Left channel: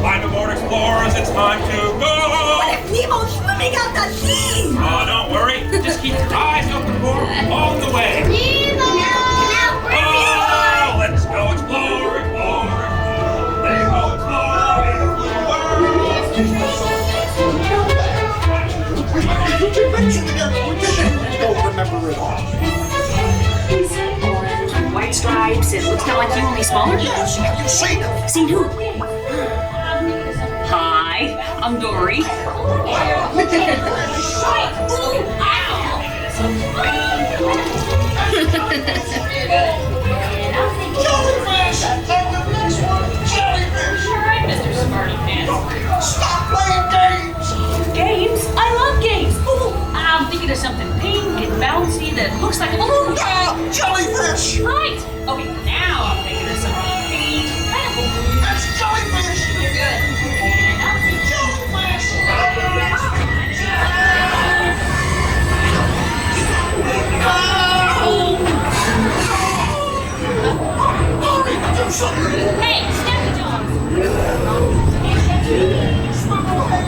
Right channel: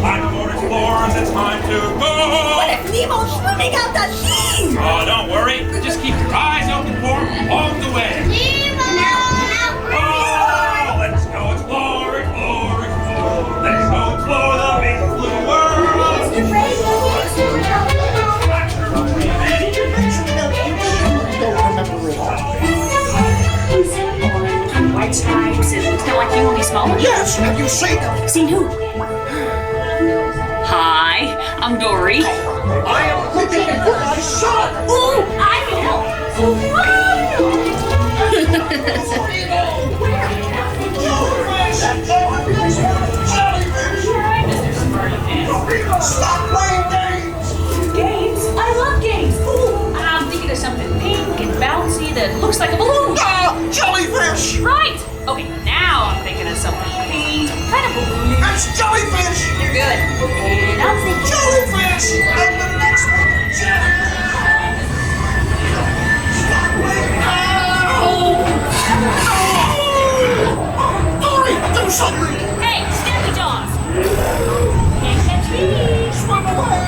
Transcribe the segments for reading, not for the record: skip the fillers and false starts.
Climb aboard, explorers. It's time to go. What if Nemo's swimming out the sea? Oh, don't worry. Just keep your eyes open for him all the way. Oh, let's go explore, explore, explore. Let's go explore the big blue world. Did you mention him? I don't remember it all. Orange, white stripes, and looks kind of like you, only smaller? Yes, have you seen him? Seen who? Hi, I'm Dory. Stop playing games! Games? I love games. Ooh, I'm thinking of something pink and bouncy that looks like a balloon. Ah, jellyfish! Right. Okay, now I'm thinking of something pink, kind of balloon. It's jellyfish! You're good. Okay, now I'm thinking Jellyfish! I'm the next one! Dory, do something! Hey, Snappy Jaws! Swim away!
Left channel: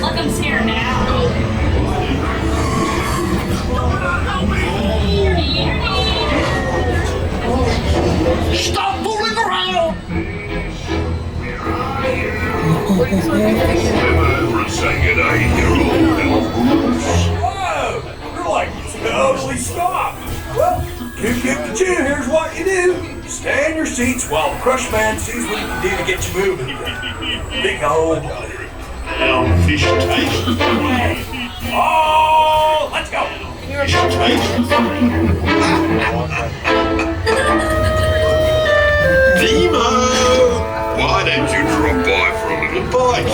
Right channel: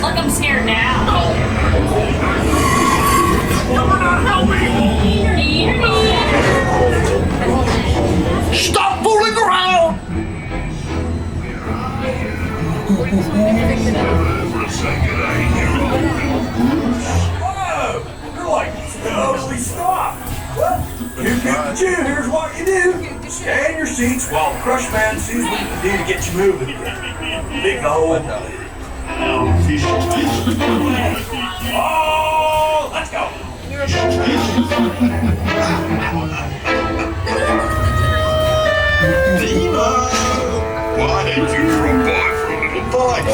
Look, I'm scared now. Stop fooling around! Whoa! You're like totally stopped. Well, Q, here's what you do. Stay in your seats while the crush man sees what he can do to get you moving. Big old Fish taste. Oh, let's go. Fish taste. Nemo! Why don't you drop by for a little bite?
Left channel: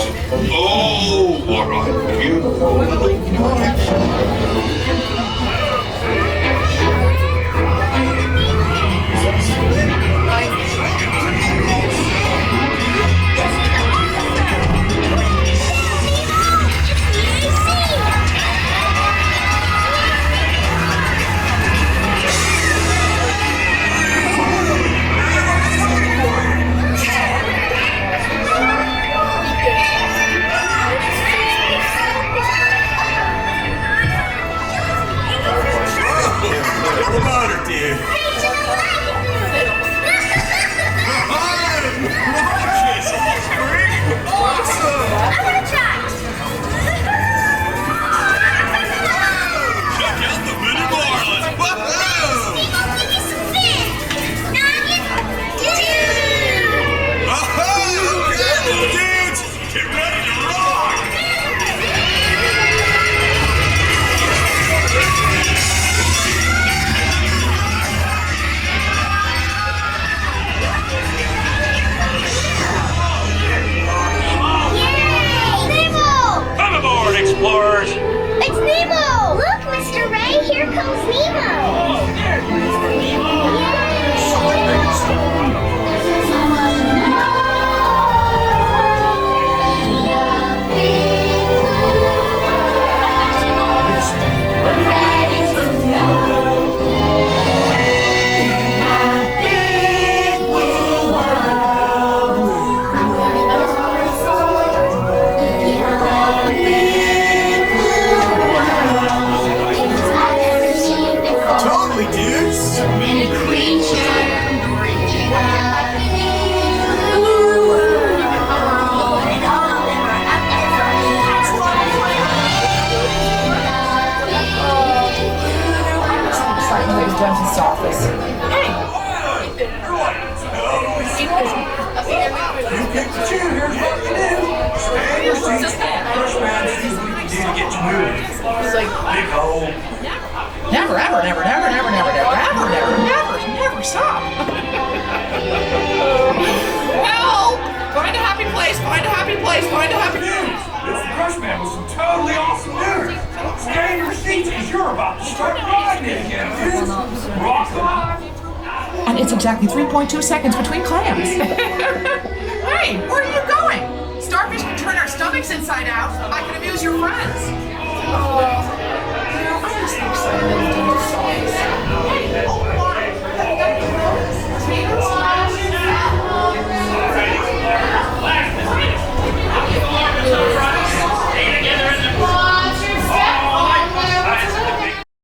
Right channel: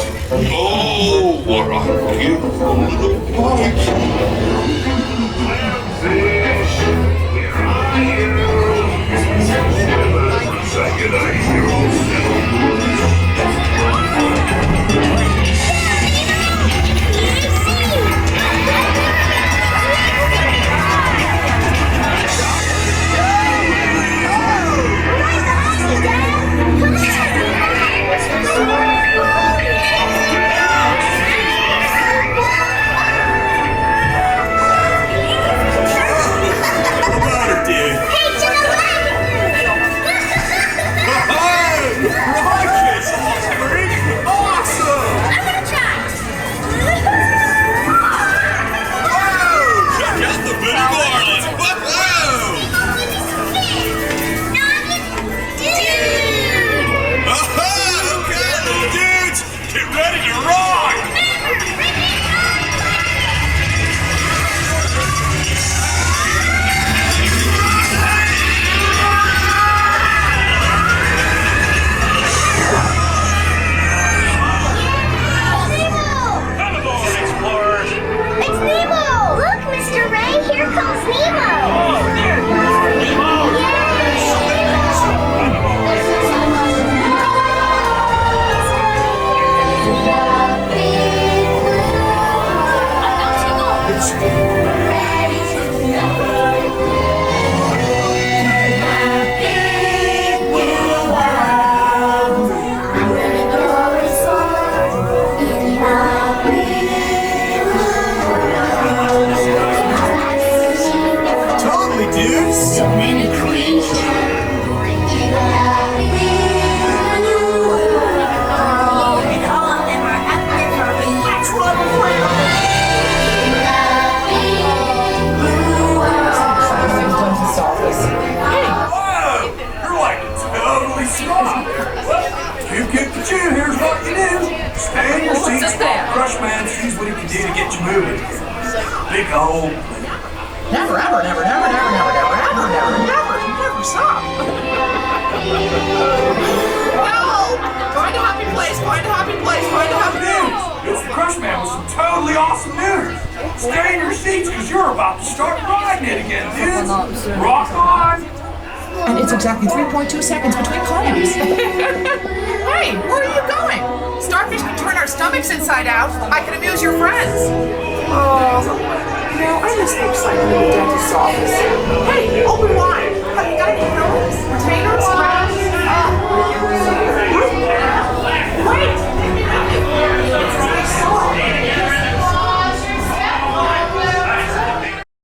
Oh, what a beautiful little bite. Promoter, dude. Rockfish, freak. Awesome. Check out the Bitty Marlin. Whoa! Okay, little dudes, get ready to rock. Come aboard, explorers. It's Nemo! Look, Mr. Ray, here comes Nemo! Oh, there you are, Nemo. Totally, dude. So many Whoa! You're like totally smart. Q, here's what you do. Stay in your seats while the crush man sees what he can do to get you moving. Big old. Never, ever, never, never, never, never, never, ever, never, never, never stop. Help! Find a happy place, find a happy place, find a happy place. It's the crush man with some totally awesome news. Stay in your seats because you're about to start riding it again, dudes. Rock on. And it's exactly 3.2 seconds between clams. Hey, where are you going? Starfish can turn our stomachs inside out. I can amuse your friends. Oh, I'm just so excited to get to dentist's office. Hey, open wide. Potatoes.